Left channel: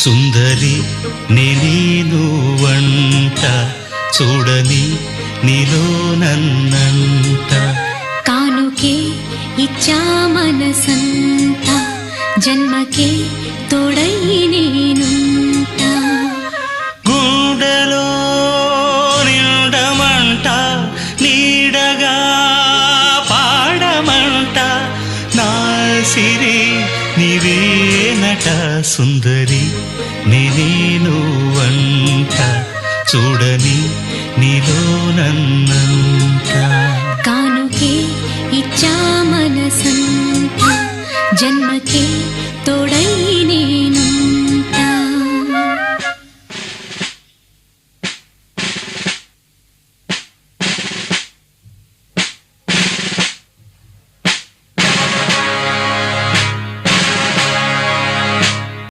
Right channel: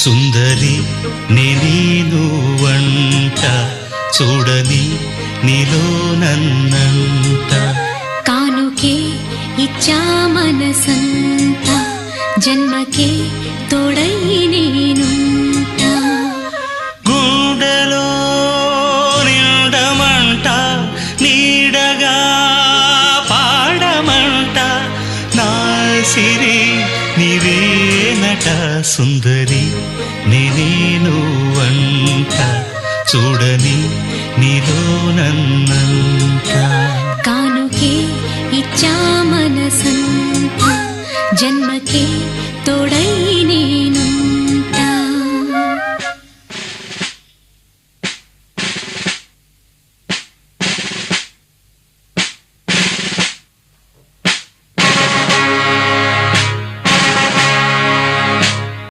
సుందరి నేను వంట చూడని నీలో నన్నంత కానుకే ఇచ్చా మనసంత జన్మకే తోడై నేనుంట గుండెలో నిండమంట నీడగా పాడమంట నా సిరి నీవేనట సుందరి నేను వంట చూడని నీలో నన్నంత కానుకే ఇచ్చా మనసంత జన్మకే తోడై